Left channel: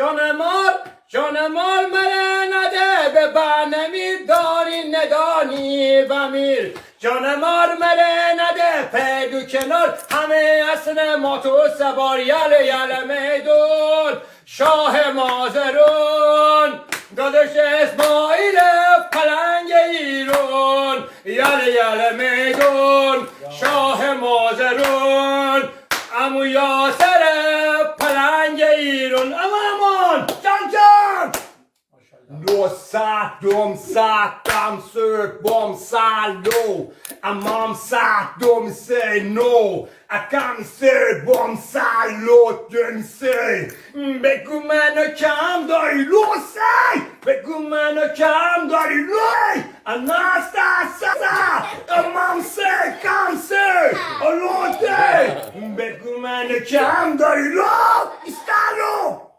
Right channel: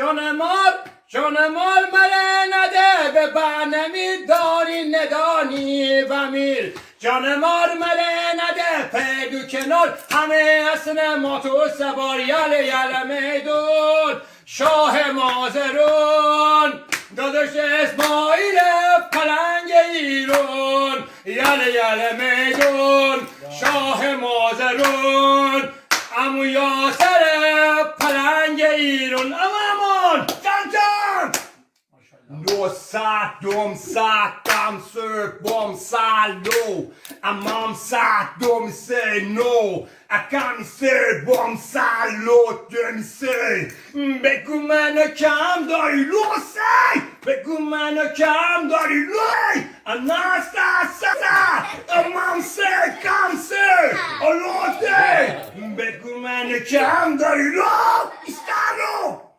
جان مال مره نده به برنمی داری ندانی و میر جان مال مره نده پیدو کنار همه اصل ما تو سوار یل میدون شاه مازرون دادش اسماعیل پلنگ ایرون یل میدون شاه مازرون امو یاسر پلنگ ایرون امان جان لو سات دوم سات دم سرک بوم سالو امام سات دوم سی نو اکم سی بوم سالو دن سی بگو منو کم داری لو سی بگو منو کم داری لوی اناستاسا امام سی کم سی الو دی بگو منو کم داری لو استالو